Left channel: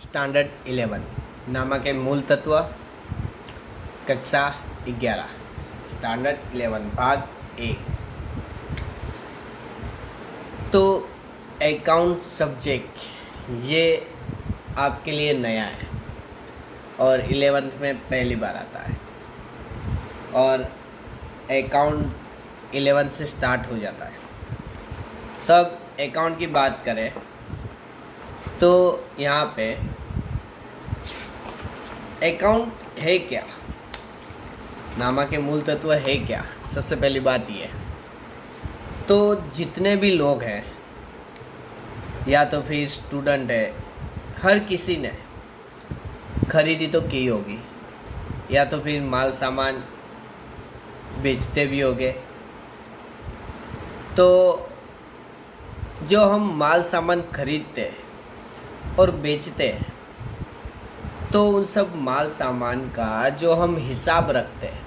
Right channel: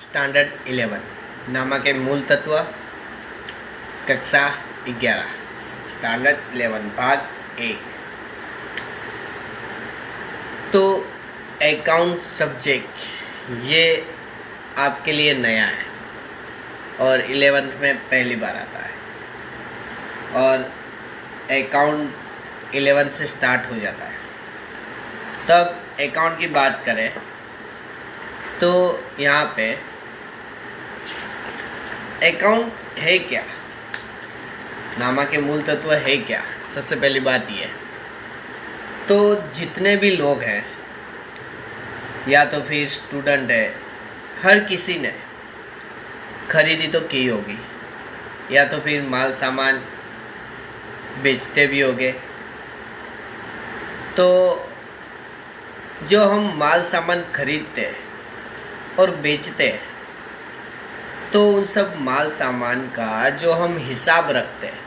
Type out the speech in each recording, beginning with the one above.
Standard 11 नामा के मूल तत्व कक्षा 11 स्टैंडर्ड 11 भाग 1। तो अकाउंट सब्जेक्ट ये आपके लिए नया है और 11th में पहली बार आता है और अकाउंट 11 से स्टार्ट हो जाता है। तब अकाउंट की बात करें तो यहाँ पे अकाउंट है क्या, नामा के मूल तत्व है क्या। सबसे पहली बात ये, तो जितने भी लोग हैं या तो फिर स्टूडेंट है, हर किसी ने खरीदी तो की होगी या तो फिर माल सामान बेचते भी होंगे। तो जो हम माल सामान खरीदते हैं और बेचते हैं तो उन सब माल सामान का जो हम हिसाब रखते हैं,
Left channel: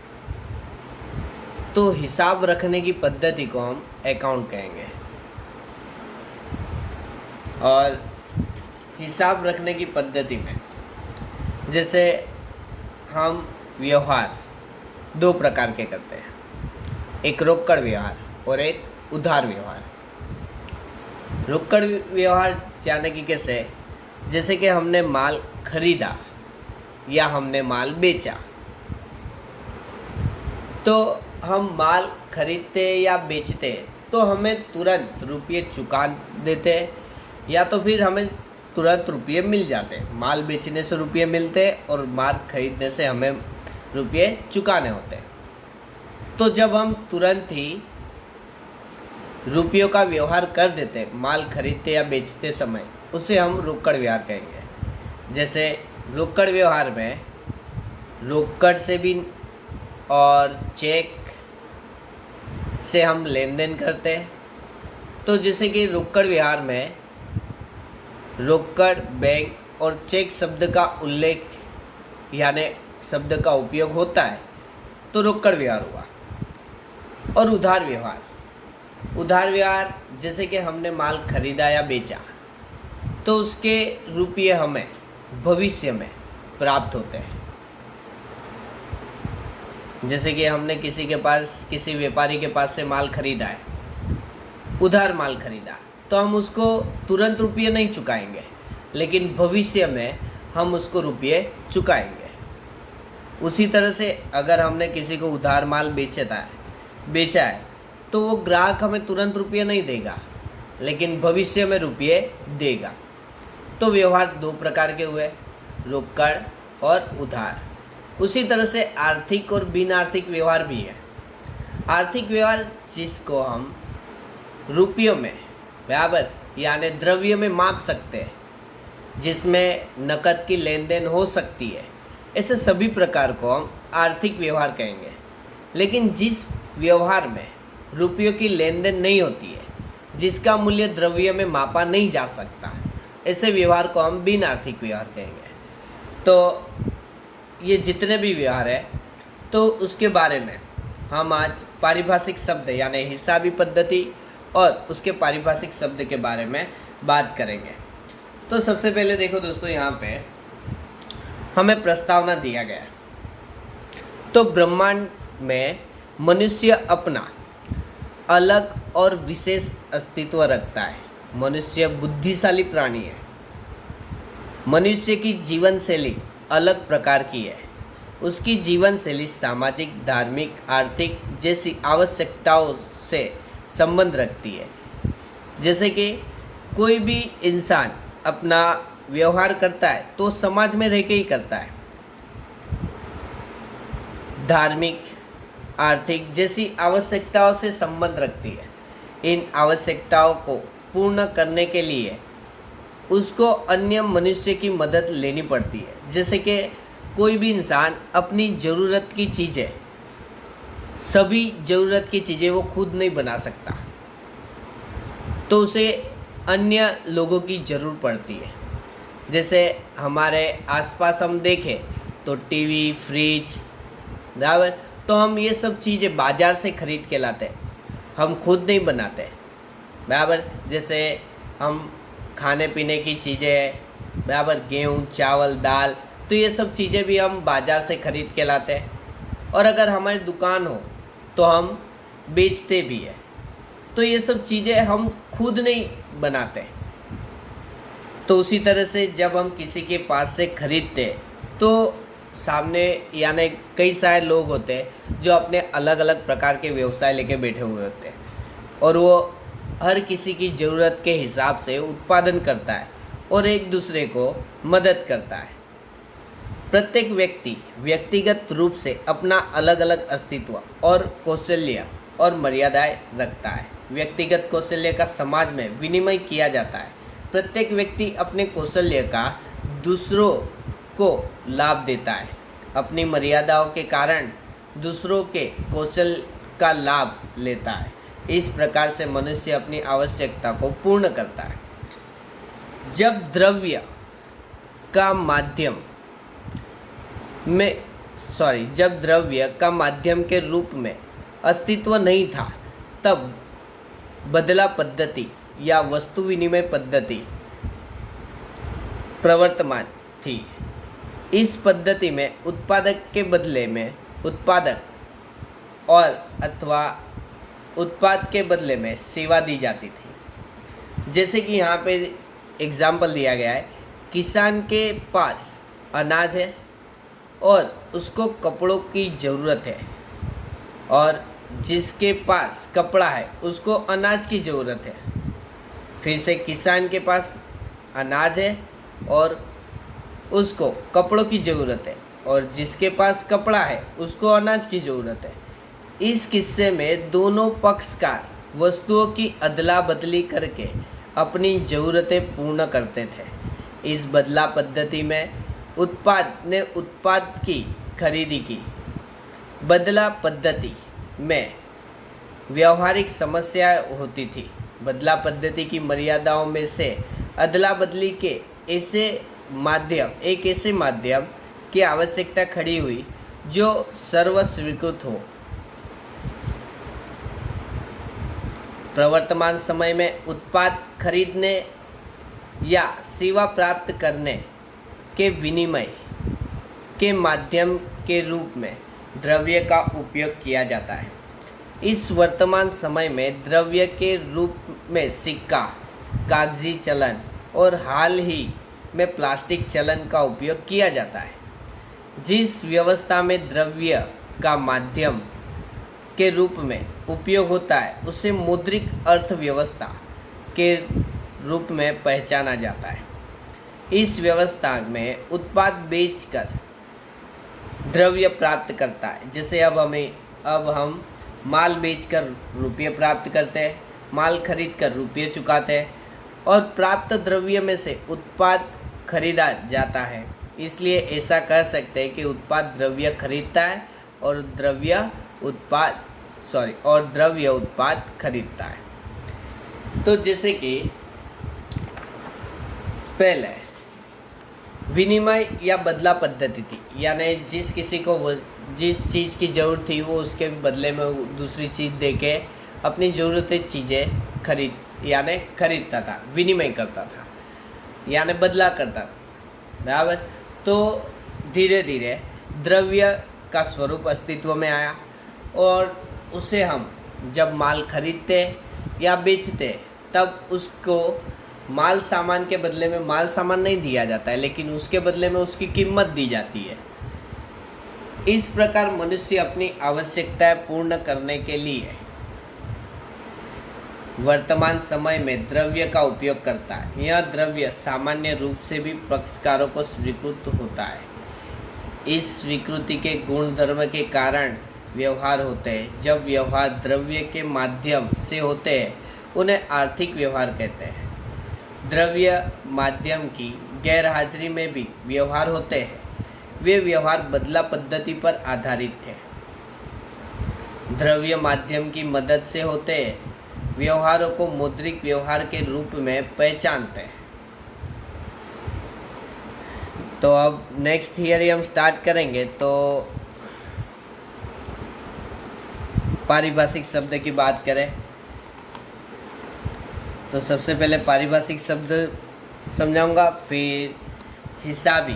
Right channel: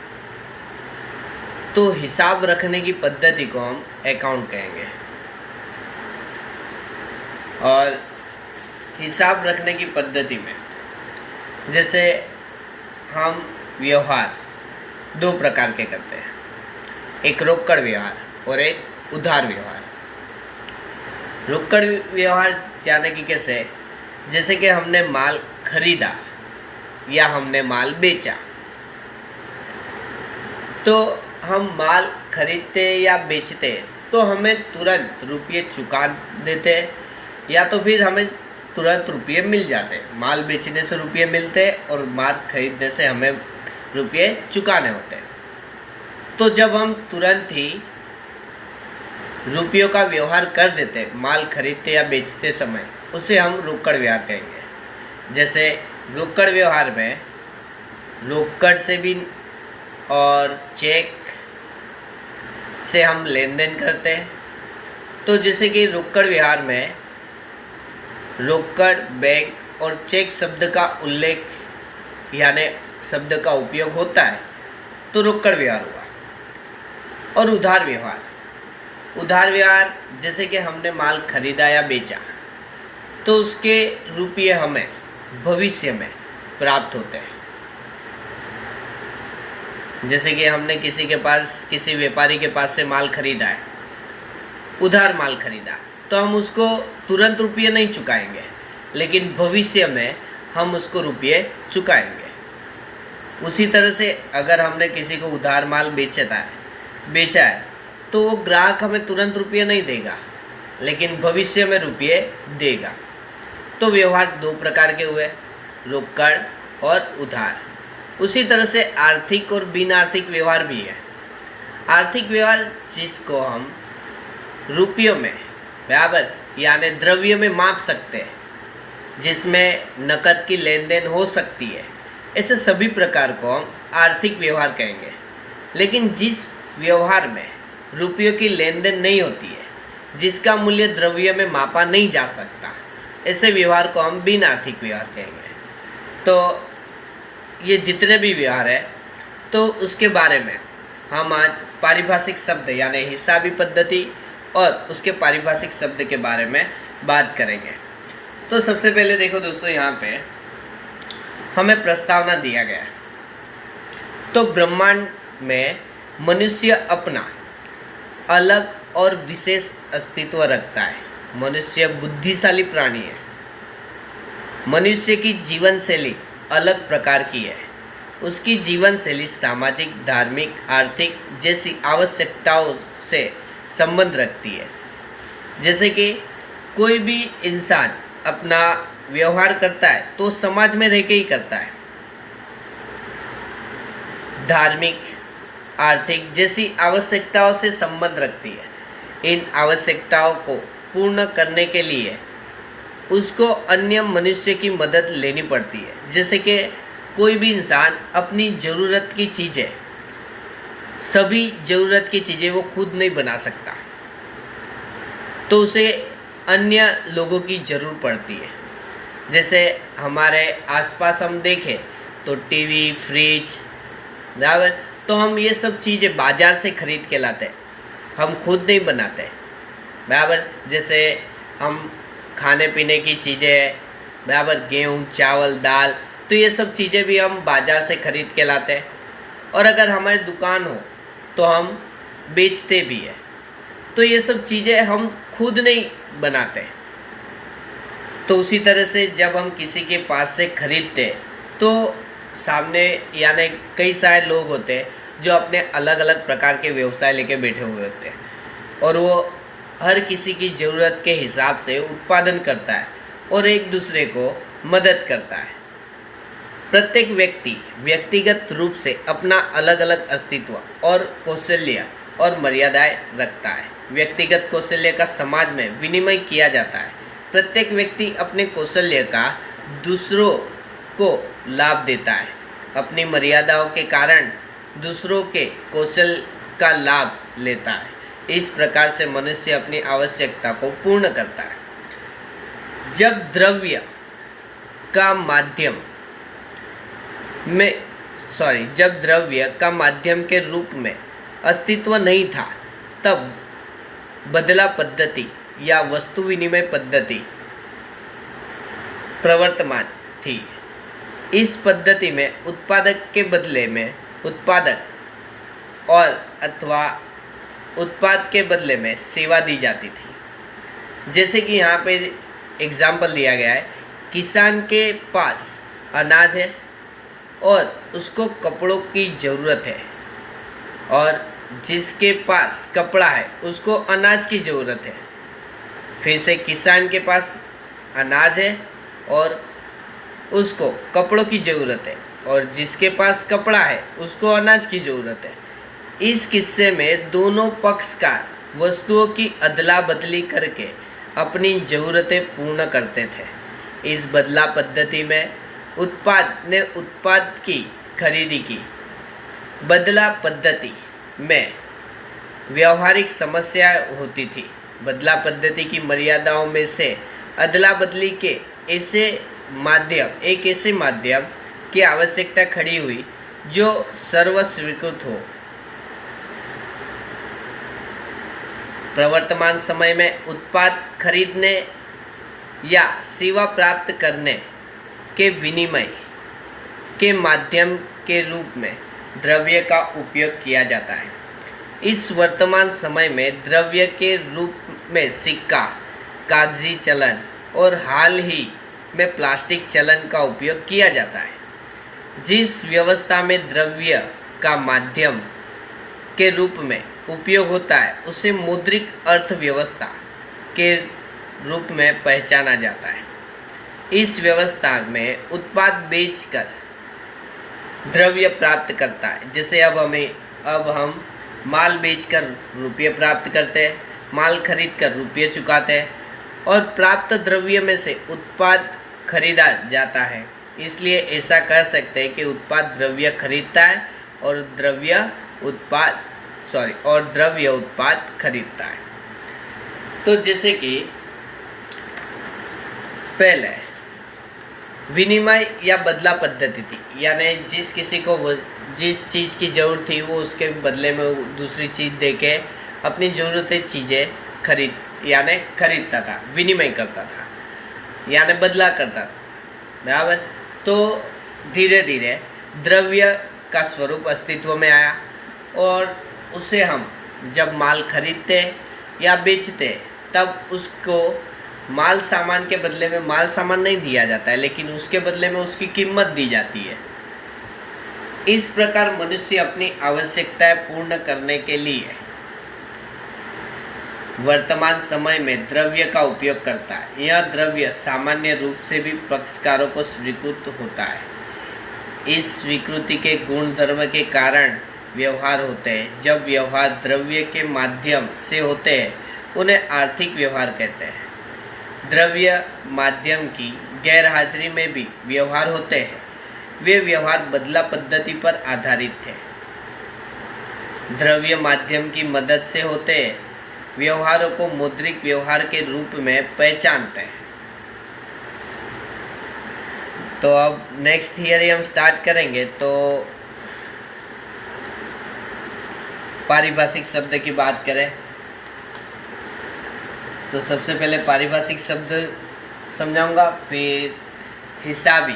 तो हिसाब रखने की पद्धति को हम अकाउंट कहेंगे। और हिसाब रखने की पद्धति में जैसे हम व्यवहार दो प्रकार के करते हैं, एक रोकड़ व्यवहार और एक उधार व्यवहार। रोकड़ व्यवहार जाने की कैसे, जैसे कि हमने माल खरीदा या हमने माल बेचा, तो हम माल खरीदते या बेचते तो हमें तुरंत रुपये चुका देते या तो फिर हमें तुरंत रुपये मिल जाते। माल बेचने से रुपये मिलते और माल खरीदने से हमें रुपये चुकाने होते। तो जब हम तुरंत ही रुपयों का व्यवहार कर देते माल खरीदते या बेचते समय, उसे हम रोकड़ व्यवहार कहेंगे। जैसे रोकड़ व्यवहार में रोकड़ से भी और चेक से हम लेन देन करते हैं। तो जैसे कि रोकड़ व्यवहार में रोकड़, बैंक और चेक शब्द का उल्लेख यानी शब्द का उपयोग होता है, तो रोकड़ व्यवहार हुआ। और उधार व्यवहार, उधार व्यवहार जैसे कि हमने माल खरीदा या बेचा तो उसके रुपये हमें भविष्य में प्राप्त होते हैं। जैसे कि हमने किसी व्यापारी के पास से माल खरीदा है, उधार माल खरीदा, तो हम उसको तुरंत रुपये नहीं चुकाएंगे, लेकिन भविष्य में हम उसको रुपये चुकाएंगे। उसी तरह से अगर हमने किसी को उधार माल बेचा है तो वो ग्राहक हमें तुरंत रुपये नहीं देगा, लेकिन भविष्य में रुपये देगा। तो व्यवहार दो प्रकार के हुए, रोकड़ और उधार। उसी तरह से आर्थिक और बिन आर्थिक व्यवहार भी है। आर्थिक व्यवहार जिसको हम रुपयों में बराबर यानी द्रव्य में माप सकते हैं, जिसमें नकद की लेन देन हो सकती है, ऐसे सभी प्रकार को हम आर्थिक व्यवहार कहेंगे। लेकिन जिस व्यवहार में रुपयों की लेन देन नहीं होती है, जिसका मूल्य द्रव्य में मापा नहीं जा सकता, ऐसे व्यवहार को हम बिन आर्थिक व्यवहार कहेंगे। तो ये जितने भी व्यवहार है तो उसके बारे में हम आज पारिभाषिक शब्द यानी हिसाबी पद्धति और उसके पारिभाषिक शब्द के बारे में बात करेंगे। तो सबसे पहले देखो दोस्तों, यहाँ पे हमें प्रस्तावना दिया गया है। तो ब्रह्मांड में मनुष्य अपना अलग और विशेष अस्तित्व रखता है। मनुष्य बुद्धिशाली प्राणी है। मनुष्य की जीवन शैली अलग प्रकार की है। उसकी जीवन शैली सामाजिक, धार्मिक, आर्थिक जैसी आवश्यकताओं से संबंध रखती है। जैसे कि कोई भी इंसान अपना व्यवहार करता है तो समाज में रह के ही करता है। धार्मिक, आर्थिक जैसी आवश्यकताओं से संबंध रखती है। इन आवश्यकताओं को पूर्ण करने के लिए उसको अन्य मनुष्य की मदद लेनी पड़ती है। जैसे कि कोई भी इंसान अपनी ज़रूरत की चीज़ें, सभी ज़रूरत की चीज़ें वो खुद नहीं बना सकता, तो उसे अन्य लोगों की ज़रूरत पड़ती है। जैसे हमारे आसपास हम देखें तो टीवी, फ्रिज बराबर, तो हम ये सब चीज़ें बाज़ार से ख़रीद के लाते हैं, हम खुद नहीं बनाते बराबर। जैसे हम खाने पीने की चीज़ें बराबर, गेहूँ, चावल, दाल, तो ये सब चीज़ें भी हम बाज़ार से खरीद के लाते हैं। और अगर हमारी दुकान हो तो हम बेचते भी हैं। तो ये सब चीज़ें हम खुद नहीं बनाते। तो उसी तरह से जब हम किसी के पास से खरीदते तो सामने यानी कई सारे लोग होते हैं जो अपने अलग अलग प्रकार के व्यवसाय लेके बैठे हुए होते हैं और वो हर किसी की ज़रूरत के हिसाब से उत्पादन करता है और एक दूसरे को मदद करता है। प्रत्येक व्यक्ति व्यक्तिगत रूप से अपना अलग अलग अस्तित्व और कौशल्य और मर्यादाएं रखता है। व्यक्तिगत कौशल्य का समाज में विनिमय किया जाता है। प्रत्येक व्यक्ति अपने कौशल्य का दूसरों को लाभ देता है। अपनी मर्यादाओं के कारण दूसरों के कौशल का लाभ लेता है। इस प्रकार से मनुष्य अपनी आवश्यकता को पूर्ण करता है। जब द्रव्य का माध्यम के रूप में अस्तित्व नहीं था, तब बदला पद्धति या वस्तु विनिमय पद्धति प्रवर्तमान थी। इस पद्धति में उत्पादक के बदले में उत्पादक और अथवा उत्पाद के बदले में सेवा दी जाती थी। जैसे कि यहाँ पे एग्जाम्पल दिया गया है, किसान के पास अनाज है और उसको कपड़ों की ज़रूरत है, और जिसके पास कपड़ा है उसको अनाज की ज़रूरत है। फिर से किसान के पास अनाज है और उसको कपड़ों की ज़रूरत है, और जिसके पास कपड़ा है उसको अनाज की ज़रूरत है। इस किस्से में दोनों पक्षकार वस्तुओं की अदला बदली करके अपनी ज़रूरतें पूर्ण करते थे। इस बदला पद्धति में उत्पाद ने उत्पाद की खरीदी की। बदला पद्धति में व्यावहारिक समस्याएं होती थी। बदला पद्धति की मर्यादाओं में से अदला बदली के एक ऐसे माध्यम की आवश्यकता खड़ी हुई जो सर्वस्वीकृत हो। प्रवर्तमान समय में उत्पाद खरीदने या सेवा प्राप्त करने के विनिमय के माध्यम के रूप में द्रव्य का उपयोग किया जाता है। इस वर्तमान समय में द्रव्य के रूप में सिक्का, कागजी चलन और हाल ही में प्लास्टिक चलन का उपयोग किया जाता है। जिस व्यवस्था में द्रव्य का माध्यम के रूप में उपयोग होता है उसे मौद्रिक अर्थव्यवस्था के रूप में पहचाना जाता है। इस व्यवस्था में उत्पाद बेचकर द्रव्य प्राप्त करता है। जैसे अब हम माल बेचकर रुपये प्राप्त करते हैं, माल खरीद कर रुपये चुकाते हैं, और प्राप्त द्रव्य में से उत्पाद खरीदा जाता है। इसलिए ऐसा कह सकते हैं कि उत्पाद द्रव्य खरीदता है और द्रव्य उत्पाद खरीदता है। तो जैसे कि पहले विनिमय या बदला पद्धति थी, यानी जिस किसी को जिस चीज़ की ज़रूरत थी वो उसके बदले में दूसरी चीज़ देके अपनी ज़रूरतें चीज़ें खरीदता था, विनिमय करता था, यानी बदला करता था, बराबर। तो धीरे धीरे द्रव्य का स्वरूप अस्तित्व में आया और उसे हम जब माल खरीदते या बेचते तब उसको माल सामान के बदले में माल सामान नहीं दिया जाता है, लेकिन उसके बदले में उसकी कीमत दी जाती है। इस प्रकार मनुष्य अपनी आवश्यकताएं पूर्ण करने के लिए वर्तमान समय में द्रव्य का उपयोग करता है। यह द्रव्य सामान्य रूप से भी पक्षकारों को स्वीकृत होता है। इस स्वीकृति के गुण धर्म के कारण व्यवहार होते हैं। जब व्यवहार द्रव्य के माध्यम से होते हैं उन्हें आर्थिक व्यवहार कहते हैं। द्रव्य माध्यम की गैर हाजिरी में भी व्यवहार होते हैं। वे व्यवहार बदला पद्धति पर आधारित थे। द्रव्य माध्यम की मदद से होते हैं व्यवहारों को मौद्रिक व्यवहार के रूप में पहचानते हैं। तो अब नेक्स्ट थियरी हम स्टार्ट करेंगे। तो पारिभाषिक शब्द की बात करें तो सबसे पहले पारिभाषिक शब्द समझाऊंगा, फिर हिसाबी,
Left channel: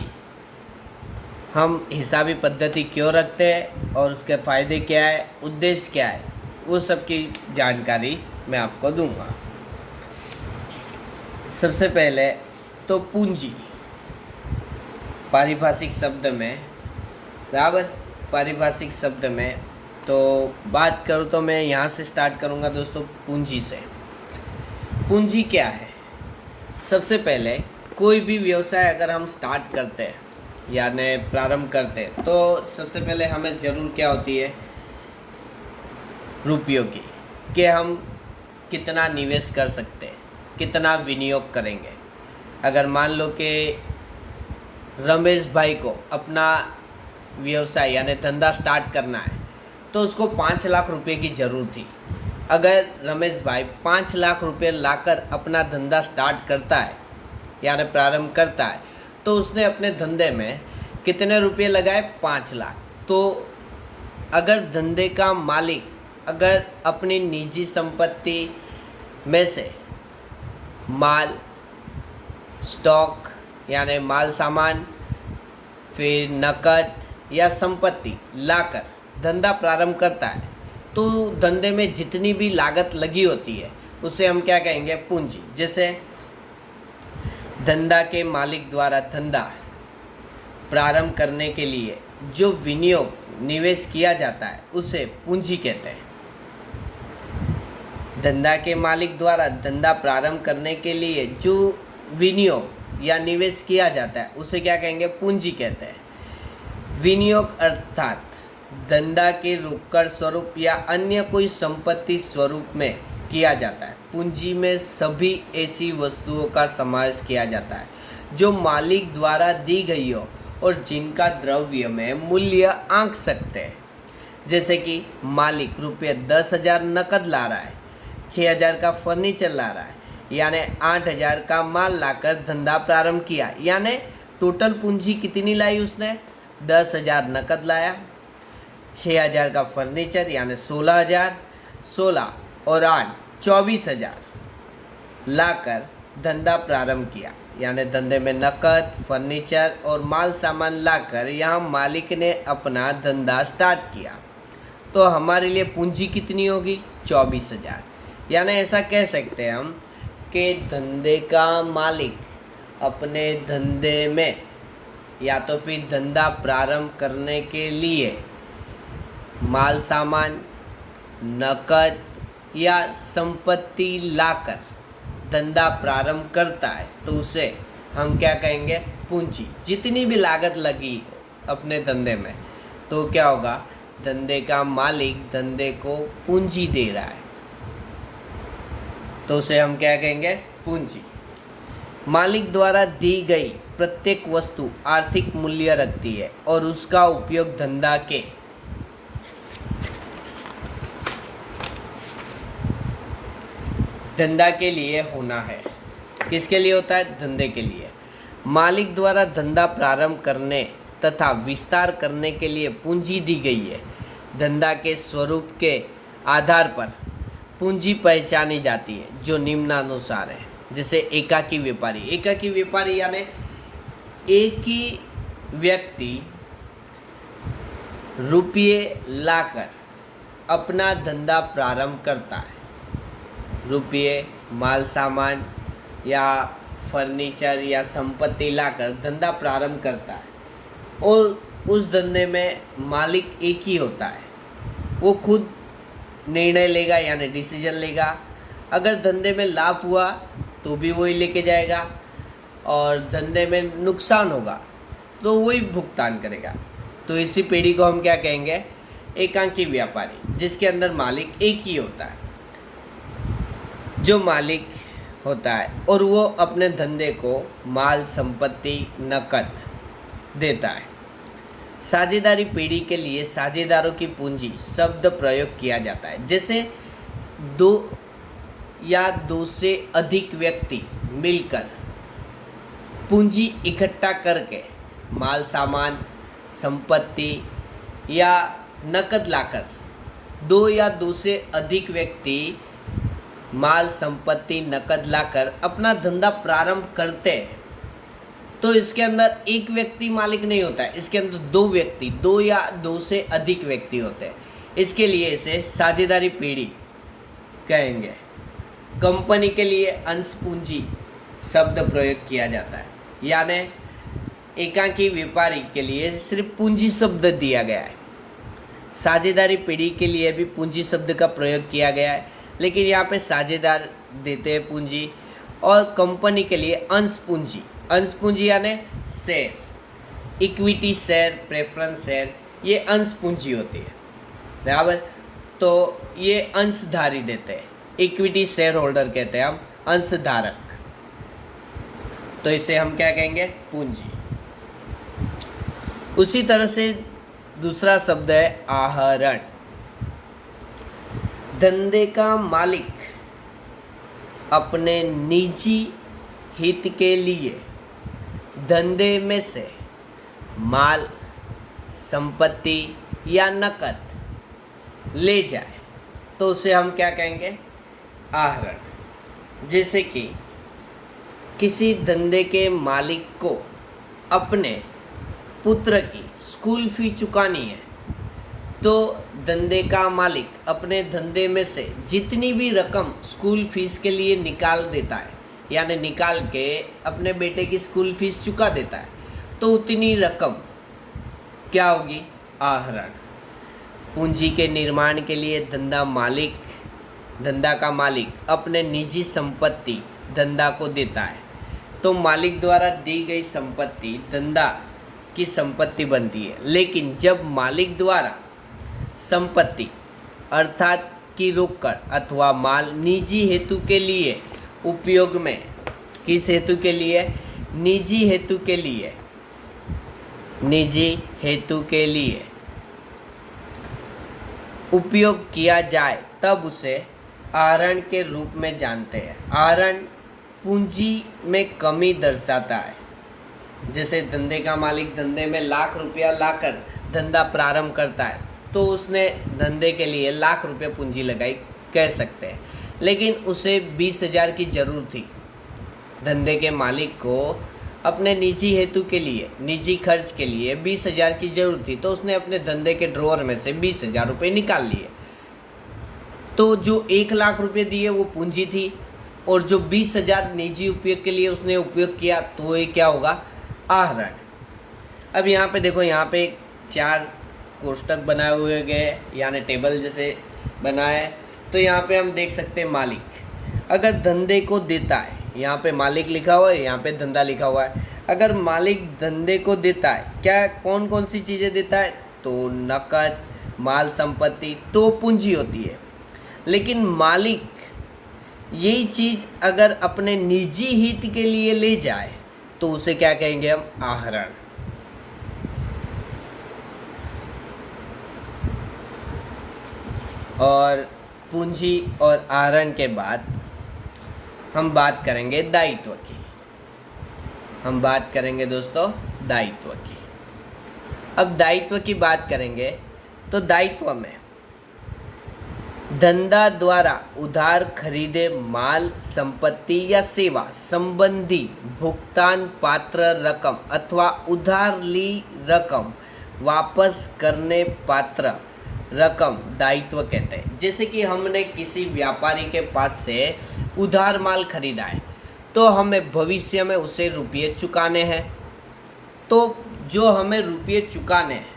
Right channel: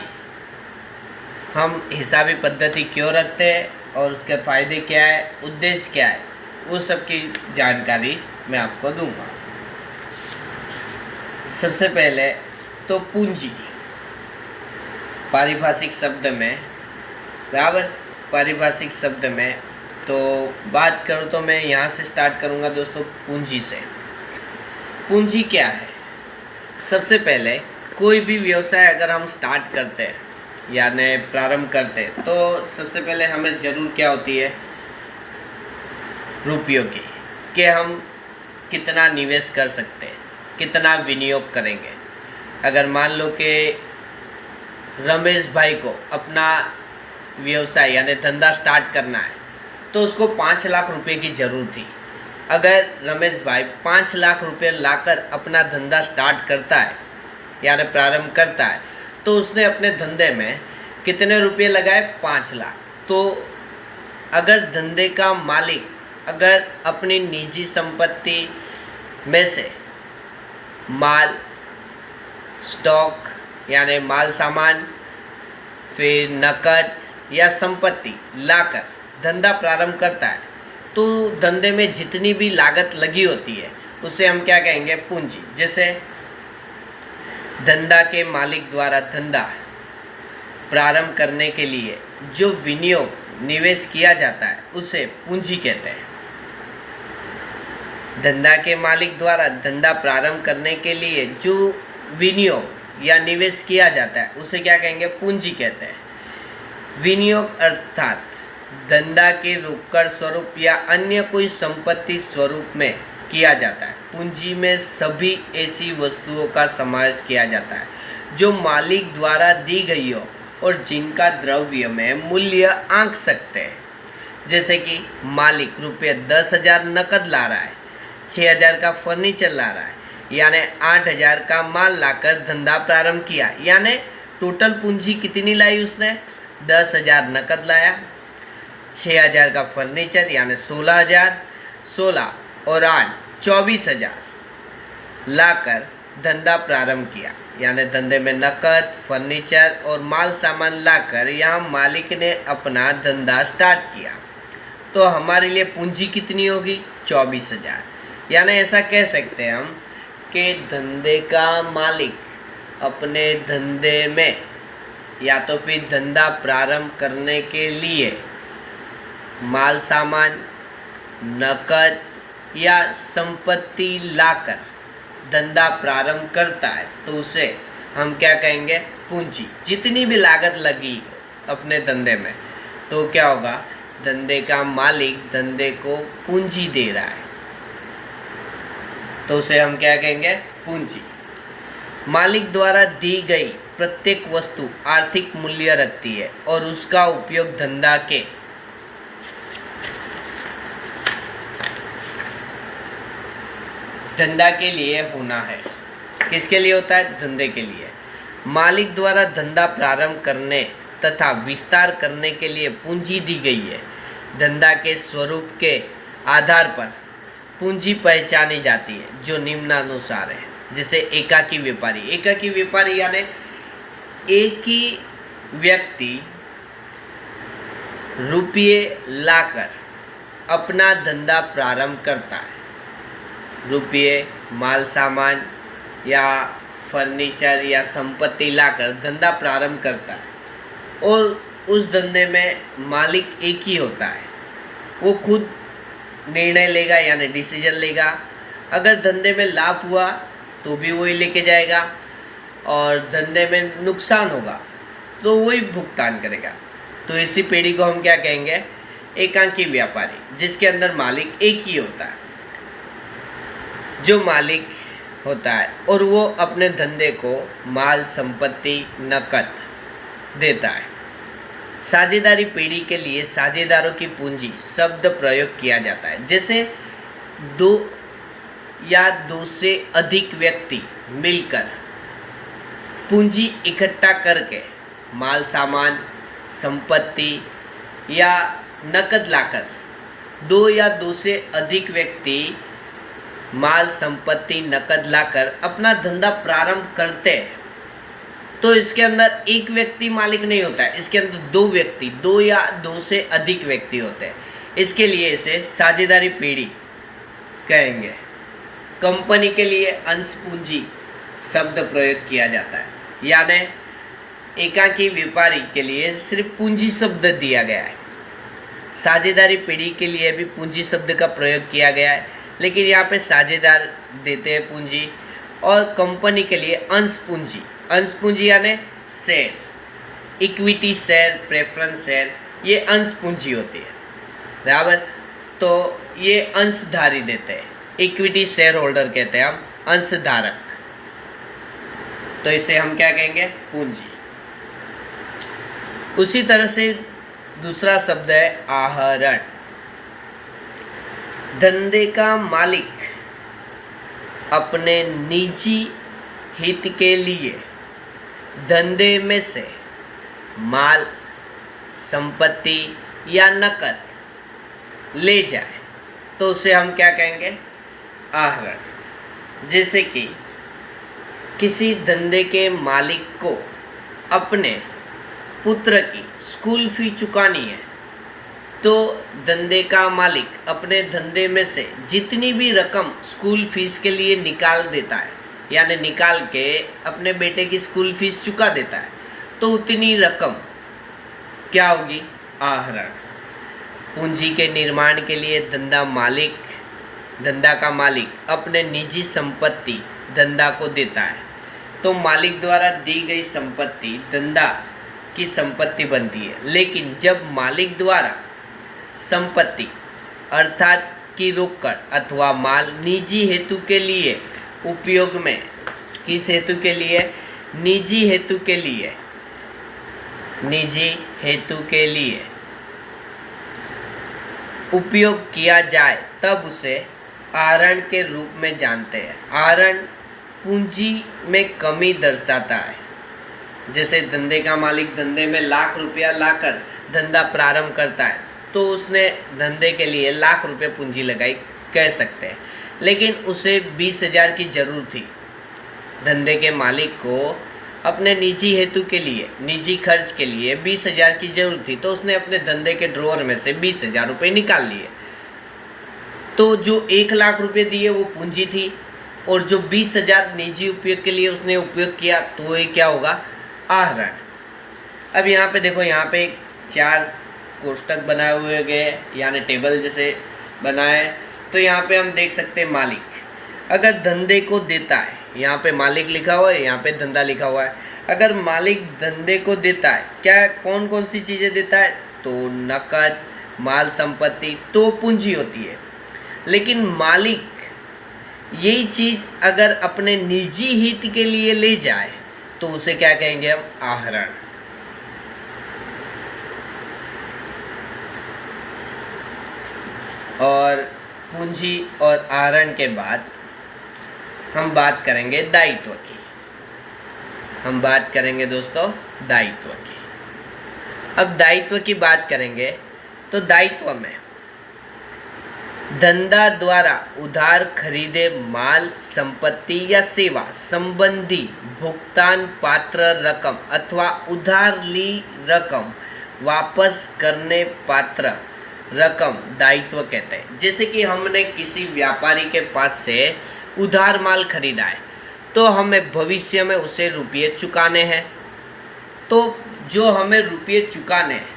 हम हिसाबी पद्धति क्यों रखते हैं और उसके फ़ायदे क्या है, उद्देश्य क्या है, वो सब की जानकारी मैं आपको दूंगा। सबसे पहले तो पूंजी, पारिभाषिक शब्द में, बराबर, पारिभाषिक शब्द में तो बात करूँ तो मैं यहाँ से स्टार्ट करूँगा दोस्तों, पूंजी से। पूंजी क्या है? सबसे पहले कोई भी व्यवसाय अगर हम स्टार्ट करते हैं यानी प्रारंभ करते हैं तो सबसे पहले हमें ज़रूर क्या होती है, रुपयों की, कि हम कितना निवेश कर सकते हैं, कितना विनियोग करेंगे। अगर मान लो कि रमेश भाई को अपना व्यवसाय यानी धंधा स्टार्ट करना है तो उसको 5 लाख रुपए की ज़रूरत थी। अगर रमेश भाई 5 लाख रुपए लाकर अपना धंधा स्टार्ट करता है यानी प्रारंभ करता है तो उसने अपने धंधे में कितने रुपए लगाए, 5 लाख। तो अगर धंधे का मालिक अगर अपनी निजी संपत्ति में से माल, स्टॉक यानी माल सामान, फिर नकद या संपत्ति लाकर धंधा प्रारंभ करता है तो धंधे में जितनी भी लागत लगी होती है उसे हम क्या कहेंगे, पूंजी। जैसे धंधा के मालिक द्वारा धंधा प्रारंभ करने के लिए जो विनियोग, निवेश किया जाता है उसे पूंजी कहते हैं। धंधा के मालिक द्वारा धंधा प्रारंभ करने के लिए जो विनियोग या निवेश किया जाता है उसे क्या कहेंगे, पूंजी कहते हैं। विनियोग अर्थात धंधा के रोकड़ स्वरूप या अन्य कोई संपत्ति स्वरूप में किया जाता है। पूंजी में सभी ऐसी वस्तुओं का समावेश किया जाता है जो मालिक द्वारा दी गई हो और जिनका द्रव्य में मूल्य आंक सकते हैं। जैसे कि मालिक रुपये 10,000 नकद ला रहा है, 6,000 का फर्नीचर ला रहा है, यानी 8,000 का माल लाकर धंधा प्रारंभ किया। यानी टोटल पूंजी कितनी लाई उसने, 10,000 नकद लाया, 6,000 का फर्नीचर यानी 16,000, 16 और 8 24,000 लाकर धंधा प्रारंभ किया। यानी धंधे में नकद, फर्नीचर और माल सामान लाकर यहाँ मालिक ने अपना धंधा स्टार्ट किया। तो हमारे लिए पूंजी कितनी होगी, 24,000। यानी ऐसा कह सकते हैं हम कि धंधे का मालिक अपने धंधे में या तो फिर धंधा प्रारंभ करने के लिए माल सामान, नकद या संपत्ति लाकर धंधा प्रारंभ करता है तो उसे हम क्या कहेंगे, पूंजी। जितनी भी लागत लगी अपने धंधे में तो क्या होगा, धंधे का मालिक धंधे को पूंजी दे रहा है तो उसे हम क्या कहेंगे, पूंजी। मालिक द्वारा दी गई प्रत्येक वस्तु आर्थिक मूल्य रखती है और उसका उपयोग धंधा के लिए होना है। किसके लिए होता है, धंधे के लिए। मालिक द्वारा धंधा प्रारंभ करने तथा विस्तार करने के लिए पूंजी दी गई है। धंधा के स्वरूप के आधार पर पूंजी पहचानी जाती है जो निम्नानुसार है। जैसे एकाकी व्यापारी, एकाकी व्यापारी यानी एक ही व्यक्ति रुपये लाकर अपना धंधा प्रारंभ करता है। रुपये, माल सामान या फर्नीचर या संपत्ति लाकर धंधा प्रारंभ करता है और उस धंधे में मालिक एक ही होता है। वो खुद निर्णय लेगा यानी डिसीजन लेगा। अगर धंधे में लाभ हुआ तो भी वही लेके जाएगा और धंधे में नुकसान होगा तो वही भुगतान करेगा। तो इसी पीढ़ी को हम क्या कहेंगे, एकाकी व्यापारी, जिसके अंदर मालिक एक ही होता है। जो मालिक होता है और वो अपने धंधे को माल, संपत्ति, नकद देता है। साझेदारी पीढ़ी के लिए साझेदारों की पूंजी शब्द प्रयोग किया जाता है। जैसे दो या दो से अधिक व्यक्ति मिलकर पूंजी इकट्ठा करके माल सामान, संपत्ति या नकद लाकर, दो या दो से अधिक व्यक्ति माल, संपत्ति, नकद लाकर अपना धंधा प्रारंभ करते हैं तो इसके अंदर एक व्यक्ति मालिक नहीं होता है, इसके अंदर दो व्यक्ति, दो या दो से अधिक व्यक्ति होते हैं। इसके लिए इसे साझेदारी पेढ़ी कहेंगे। कंपनी के लिए अंश पूंजी शब्द प्रयोग किया जाता है, यानी एकाकी व्यापारी के लिए सिर्फ पूंजी शब्द दिया गया है। साझेदारी पेढ़ी के लिए भी पूंजी शब्द का प्रयोग किया गया है, लेकिन यहाँ पे साझेदार देते हैं पूंजी। और कंपनी के लिए अंश पूंजी यानी share, equity share, preference share, ये अंश पूंजी होती है, बराबर। तो ये अंशधारी देते हैं, इक्विटी शेयर होल्डर कहते हैं हम, अंशधारक। तो इसे हम क्या कहेंगे? पूंजी। उसी तरह से दूसरा शब्द है आहरण। धंधे का मालिक अपने निजी हित के लिए धंधे में से माल, संपत्ति या नकद ले जाए तो उसे हम क्या कहेंगे? आहरण। जैसे कि किसी धंधे के मालिक को अपने पुत्र की स्कूल फी चुकानी है, तो धंधे का मालिक अपने धंधे में से जितनी भी रकम स्कूल फीस के लिए निकाल देता है, यानी निकाल के अपने बेटे की स्कूल फीस चुका देता है, तो उतनी रकम क्या होगी? आहरण। पूंजी के निर्माण के लिए धंधा का मालिक अपने निजी संपत्ति धंधा को देता है, तो मालिक द्वारा दी गई संपत्ति धंधा की संपत्ति बनती है। लेकिन जब मालिक द्वारा संपत्ति अर्थात की रोकड़ अथवा माल निजी हेतु के लिए उपयोग में, किस हेतु के लिए? निजी हेतु के लिए उपयोग किया जाए, तब उसे आहरण के रूप में जानते हैं। आहरण पूंजी में कमी दर्शाता है। जैसे धंधे का मालिक धंधे में लाख रुपया लाकर धंधा प्रारंभ करता है, तो उसने धंधे के लिए लाख रुपये पूंजी लगाई, कह सकते हैं। लेकिन उसे 20,000 की ज़रूरत थी। धंधे के मालिक को अपने निजी हेतु के लिए, निजी खर्च के लिए 20,000 की ज़रूरत थी, तो उसने अपने धंधे के ड्रॉअर में से 20,000 रुपये निकाल लिए। तो जो 1 लाख रुपये दिए वो पूंजी थी, और जो 20,000 निजी उपयोग के लिए उसने उपयोग किया, तो ये क्या होगा? आहरण। अब यहाँ पे देखो, यहाँ पे 4 कोष्टक बनाए हुए गए, यानी टेबल जैसे बनाए। तो यहाँ पे हम देख सकते हैं मालिक अगर धंधे को देता है, यहाँ पे मालिक लिखा हुआ है, यहाँ पे धंधा लिखा हुआ है। अगर मालिक धंधे को देता है, क्या कौन कौन सी चीज़ें देता है? तो नकद, माल, संपत्ति, तो पूंजी होती है। लेकिन मालिक यही चीज़ अगर अपने निजी हित के लिए ले जाए, तो उसे क्या कहेंगे हम? आहरण। और पूंजी और आहरण के बाद हम बात करेंगे दायित्व की। हम बात करेंगे दोस्तों दायित्व की। अब दायित्व की बात करेंगे तो दायित्व में धंधा द्वारा उधार खरीदे माल, संपत्ति या सेवा संबंधी भुगतान पात्र रकम अथवा उधार ली रकम वापस करने पात्र रकम दायित्व कहते हैं। जैसे कि हमने किसी व्यापारी के पास से उधार माल खरीदा है, तो हमें भविष्य में उसे रुपये चुकाने हैं। तो जो हमें रुपये चुकाने हैं,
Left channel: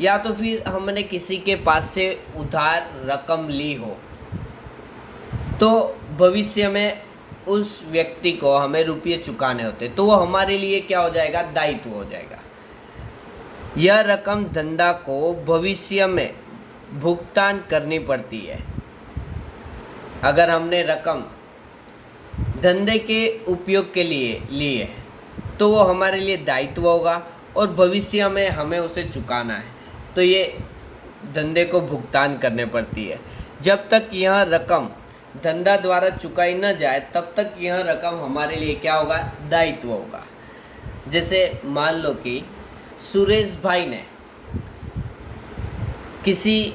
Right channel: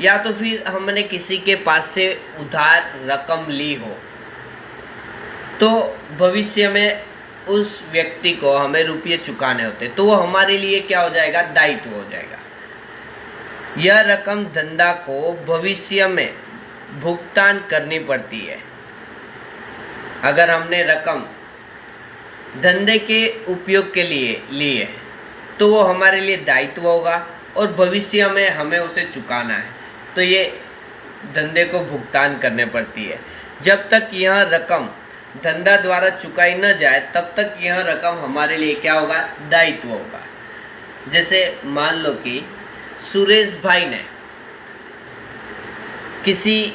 या तो फिर हमने किसी के पास से उधार रकम ली हो, तो भविष्य में उस व्यक्ति को हमें रुपये चुकाने होते, तो वो हमारे लिए क्या हो जाएगा? दायित्व हो जाएगा। यह रकम धंधा को भविष्य में भुगतान करनी पड़ती है। अगर हमने रकम धंधे के उपयोग के लिए ली है, तो वो हमारे लिए दायित्व होगा, और भविष्य में हमें उसे चुकाना है, तो ये धंधे को भुगतान करने पड़ती है। जब तक यह रकम धंधा द्वारा चुकाई न जाए, तब तक यह रकम हमारे लिए क्या होगा? दायित्व होगा। जैसे मान लो कि सुरेश भाई ने किसी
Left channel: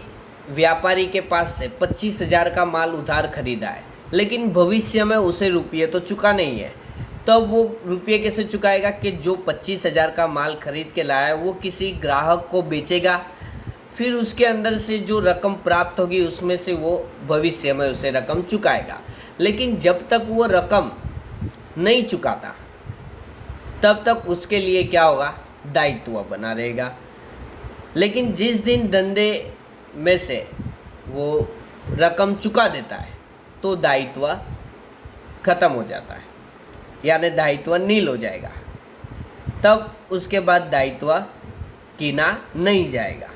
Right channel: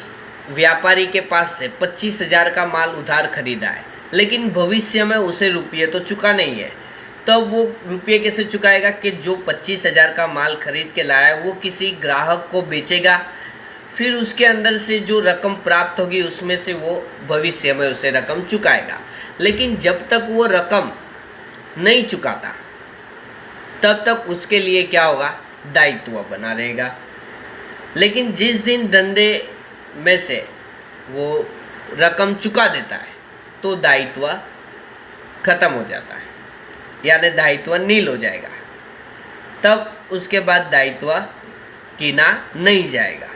व्यापारी के पास से 25,000 का माल उधार खरीदा है, लेकिन भविष्य में उसे रुपये तो चुका नहीं है, तो वो रुपये कैसे चुकाएगा कि जो 25,000 का माल खरीद के लाया है वो किसी ग्राहक को बेचेगा, फिर उसके अंदर से जो रकम प्राप्त होगी उसमें से वो भविष्य में उसे रकम चुकाएगा। लेकिन जब तक वो रकम नहीं चुकाता तब तक उसके लिए क्या होगा, दायित्व बना रहेगा। लेकिन जिस दिन धंधे में से वो रकम चुका देता है तो दायित्व खत्म हो जाता है, यानी दायित्व नील हो जाएगा। तब उसके बाद दायित्व गिना नहीं जाएगा।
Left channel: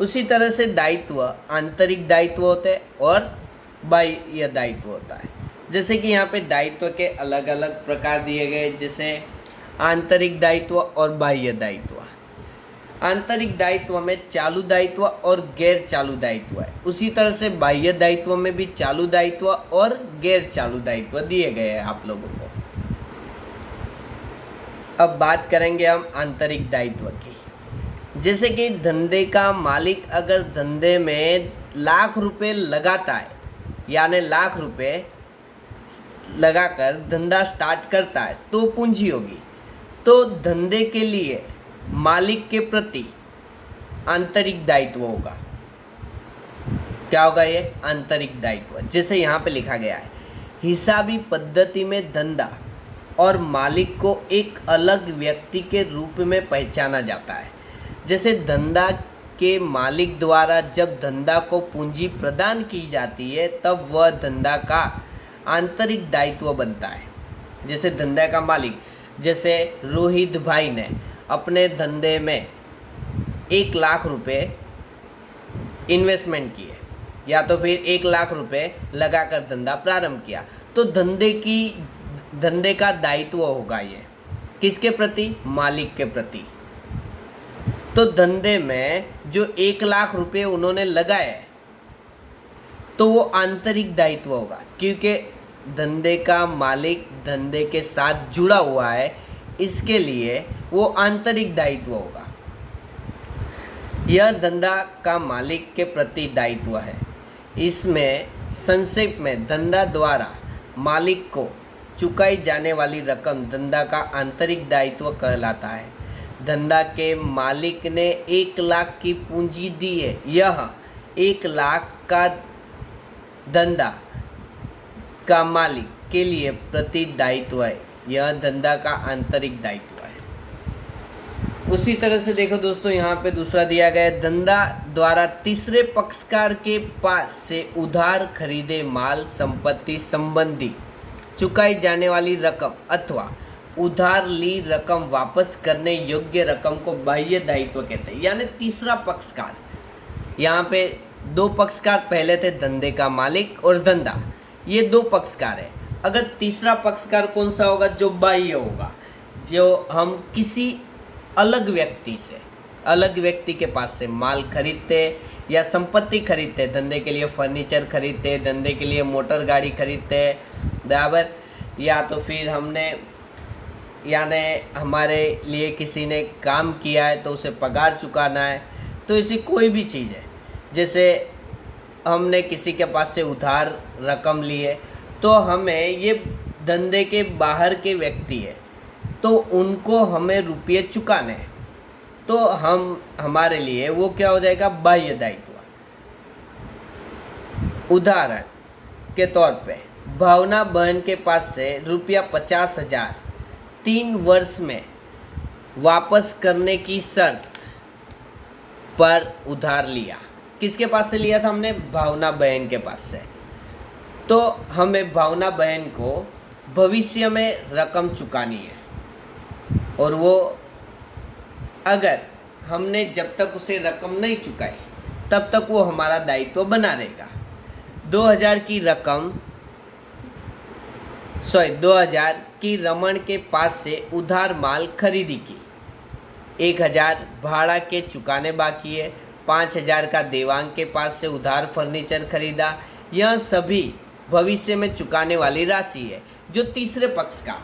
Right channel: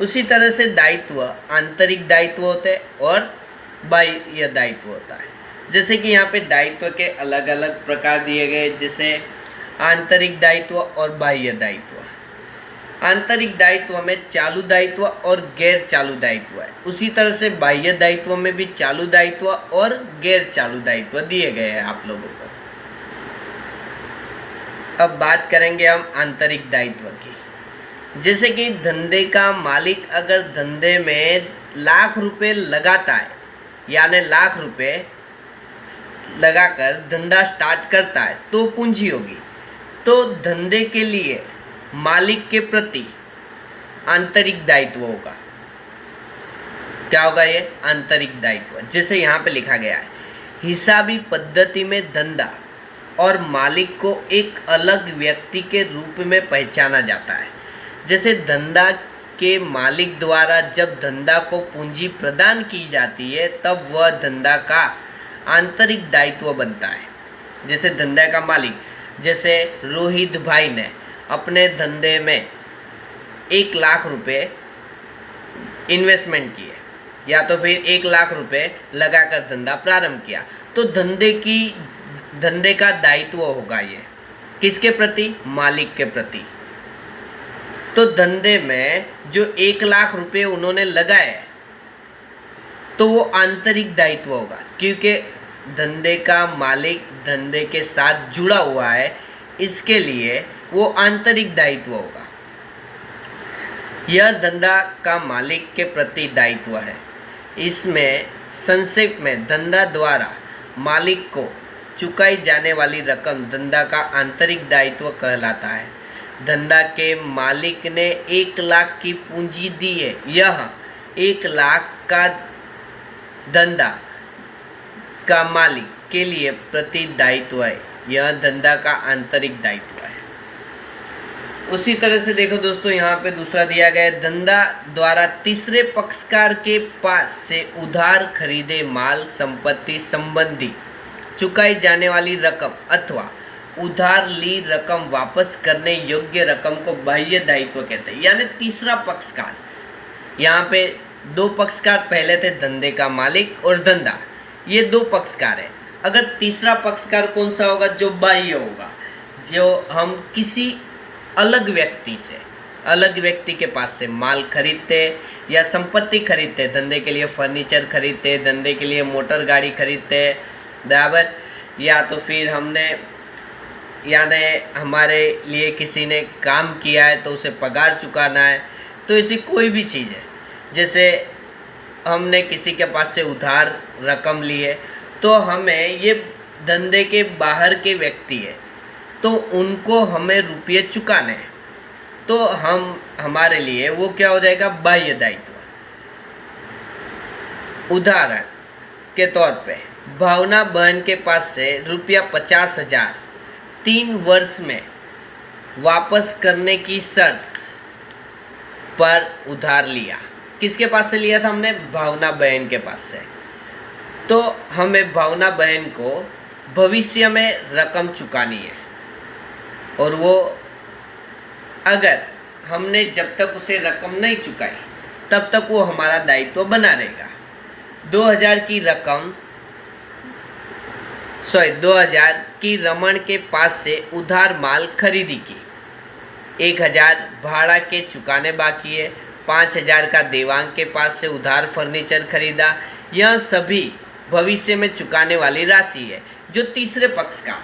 उसी तरह से दायित्व आंतरिक दायित्व होते हैं और बाह्य दायित्व होता है। जैसे कि यहाँ पे दायित्व के अलग अलग प्रकार दिए गए, जैसे आंतरिक दायित्व और बाह्य दायित्व। आंतरिक दायित्व में चालू दायित्व और गैर चालू दायित्व है। उसी तरह से बाह्य दायित्व में भी चालू दायित्व और गैर चालू दायित्व दिए गए हैं आप लोगों को। अब बात करेंगे हम आंतरिक दायित्व की। जैसे कि धंधे का मालिक अगर धंधे में लाख रुपए लगाता है, यानी लाख रुपए लगाकर धंधा स्टार्ट करता है तो पूंजी होगी। तो धंधे के लिए मालिक के प्रति आंतरिक दायित्व होगा। क्या होगा ये आंतरिक दायित्व? जैसे यहाँ पे लिखा गया है, हिसाबी पद्धति में धंधा और मालिक को एक अलग व्यक्ति के रूप में पहचाना जाता है। जैसे धंधा के मालिक द्वारा जब धंधा को पूंजी प्रदान की जाती है तब वह धंधा का आंतरिक दायित्व बनता है। जैसे धंधा का मालिक, जैसे रोहित भाई ने अपने धंधे में 1 लाख रुपए इन्वेस्टमेंट किए या तो फिर 1 लाख रुपए लगाकर धंधा प्रारंभ किया, तो धंधे का दायित्व होगा ये किसके प्रति? मालिक के प्रति। तो धंधे में जो 1 लाख रुपए उन्होंने लगाए तो वो आंतरिक दायित्व होगा, क्योंकि धंधे का मालिक धंधे के साथ जुड़ा हुआ है, इसके लिए वो आंतरिक दायित्व होगा। यह धंधा का मालिक के प्रति दायित्व है। इसमें संक्षेप में धंधा द्वारा मालिक को चुकाई जाने वाली रकम धंधा का आंतरिक दायित्व कहलाता है। धंधा के मालिक ने 1 लाख की पूंजी दी है, यह 1 लाख का धंधा का मालिक के लिए प्रति दायित्व है। यह धंधा का आंतरिक दायित्व है। उसी तरह से देखो दोस्तों, यहाँ पे दूसरा दिया गया है, धंधा द्वारा तीसरे पक्षकार के पास से उधार खरीदे माल संपत्ति संबंधी चुकाई जाने वाली रकम अथवा उधार ली रकम वापस करने योग्य रकम को बाह्य दायित्व कहते हैं। यानी तीसरा पक्षकार, यहाँ पे 2 पक्षकार पहले थे, धंधे का मालिक और धंधा, ये 2 पक्षकार है। अगर तीसरा पक्षकार कौन सा होगा? जो बाह्य होगा, जो हम किसी अलग व्यक्ति के पास से माल खरीदते या संपत्ति खरीदते, धंधे के लिए फर्नीचर खरीदते, धंधे के लिए मोटर गाड़ी खरीदते, बराबर, या तो फिर यानी हमारे लिए किसी ने काम किया है तो उसे पगार चुकाना है, तो ऐसी कोई भी चीज़ है। जैसे हमने किसी के पास से उधार रकम ली है तो हमें, ये धंधे के बाहर के व्यक्ति है तो उनको हमें रुपये चुकाने हैं, तो हमारे लिए वो क्या हो जाएगा? बाह्य दायित्व। उदाहरण के तौर पे भावना बहन के पास से ₹50,000 3 वर्ष में वापस करने की शर्त पर उधार लिया। किसके पास से लिया था हमने? भावना बहन के पास से। तो हमें भावना बहन को भविष्य में रकम चुकानी है, और वो अगर हमने जब तक उसे रकम नहीं चुकाई तब तक वो हमारा दायित्व बना रहेगा। 2000 की रमन के पास से उधार माल खरीदी की, 1000 भाड़ा के चुकाने बाकी है, 5000 का देवांग के पास से उधार फर्नीचर खरीदा। यह सभी भविष्य में चुकाने वाली राशि है, जो तीसरे पक्षकार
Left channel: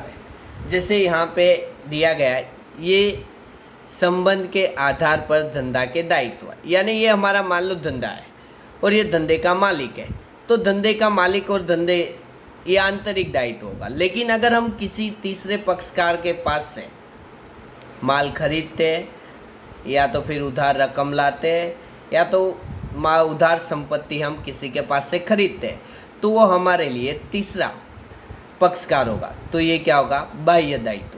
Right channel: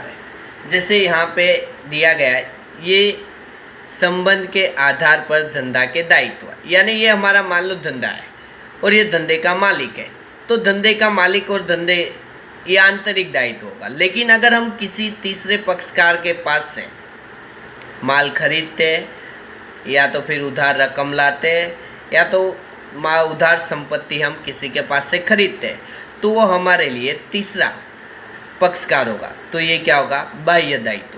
है। जैसे यहाँ पे दिया गया है, ये संबंध के आधार पर धंधा के दायित्व, यानी ये हमारा मान लो धंधा है और ये धंधे का मालिक है, तो धंधे का मालिक और धंधे ये आंतरिक दायित्व होगा। लेकिन अगर हम किसी तीसरे पक्षकार के पास से माल खरीदते या तो फिर उधार रकम लाते या तो उधार संपत्ति हम किसी के पास से खरीदते हैं, तो वो हमारे लिए तीसरा पक्षकार होगा। तो ये क्या होगा? बाह्य दायित्व।